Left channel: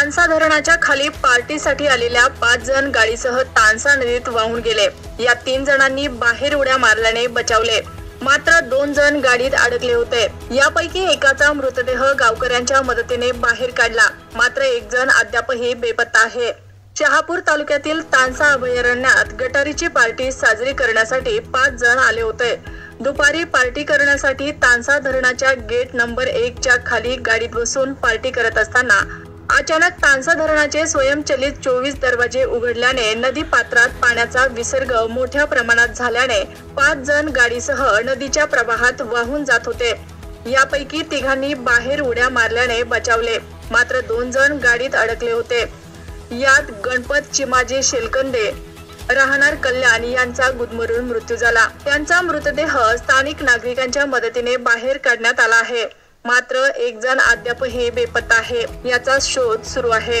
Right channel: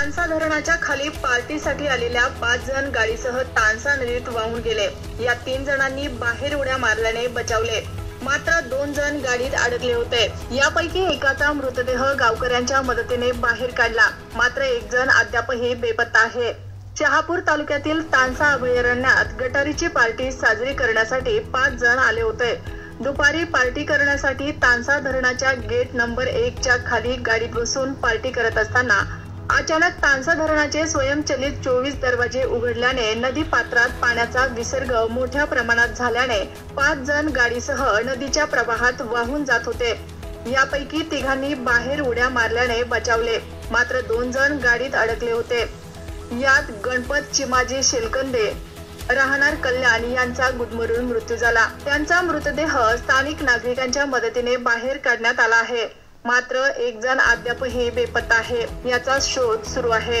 तानसा धरणाच्या खाली पार्टीसाठी आलेल्या 5 जण गाडीसह तानसा नदीत वाहून गेले। या 3 जणांनी बाहेर उड्या मारल्याने बचावले, मात्र 2 जण गाडीत अडकले होते। यापैकी एकाचा मृतदेह गावकऱ्यांच्या मदतीने बाहेर काढला, मात्र 1 जण अद्यापही बेपत्ता आहे। शहापूर तालुक्यातील तानसा अभयारण्यात गटारीची पार्टी साजरी करण्यासाठी 5 जण आले होते। दुपारी पार्टी करण्यासाठी तानसा धरणाच्या गेट नंबर 1 च्या खाली गाडीत बसून पार्टी करत असताना अचानक तानसा धरणाचे स्वयंचलित 24 दरवाजे उघडल्याने नदी पात्रात पाण्याचा विसर्ग मोठ्या प्रमाणात झाल्याने 5 जण गाडीसह नदीच्या प्रवाहात वाहून जात होते। यापैकी 3घांनी बाहेर उड्या मारल्याने बचावले, मात्र 2 जण गाडीत अडकले होते। यात गणपत चिमाजी शेलकंदे राहणार कल्याण यांचा गुदमरून मृत्यू झाला। त्यांचा मृतदेह स्थानिक नागरिकांच्या मदतीने बाहेर काढण्यात आला आहे, मात्र 1 जण अद्यापही बेपत्ता आहे। याचा शोध सुरू आहे।